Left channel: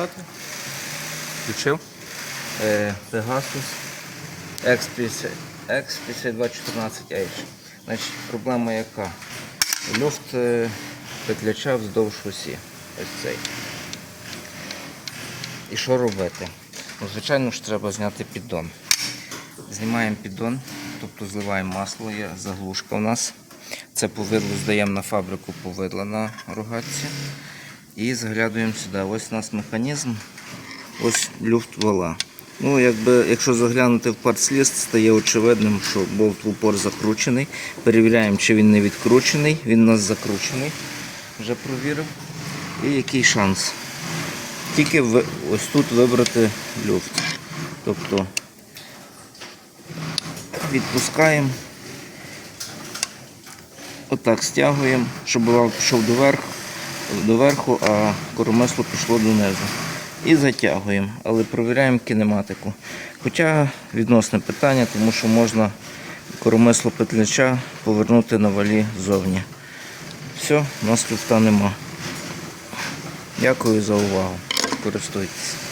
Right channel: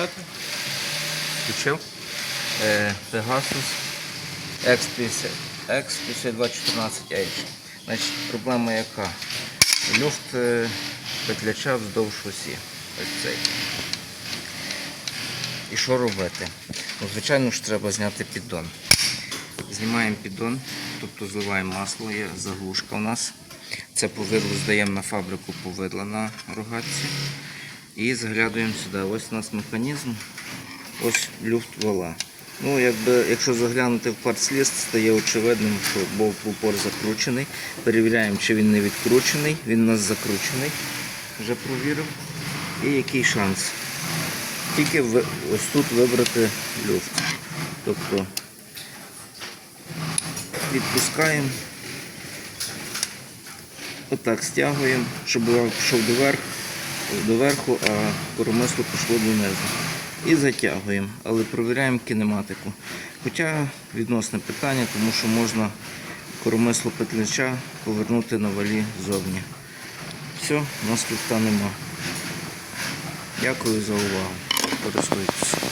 включати. Включив. Е, Pegasus X50 X5214H. Значить, проблема яка? Люфт петляча вздовж осі. І що робити? Ну, звичайно ж треба зняти піддон. Знімаємо піддон, тобто зливаємо масло, є заглушка у нас. Це повидло здаємо на фабрику повидла на рогатці. І заглядуємо сюди. Ось у нас механізм. Ось люфт вала. Ну, якби, якщо заглянути в партсліст, стає очевидним, що болт в упор закручений. Перевіряємо, чи він не відкручений. Він у нас закручений. Вже провірив. І який шанс? Тільки ви- ось тут вибрати люфт. Тобто відпускаємо. Отак стягуємо, щоб вал пішов доверх, доверху, а коромисло пішло донизу. І затягуємо, але провіряємо кінематику. Хоча відносне питання, тому що можна коромисло петляча повернути на валі ззовні. Все, у нас тут нема. Дякую за увагу. Користуйтесь.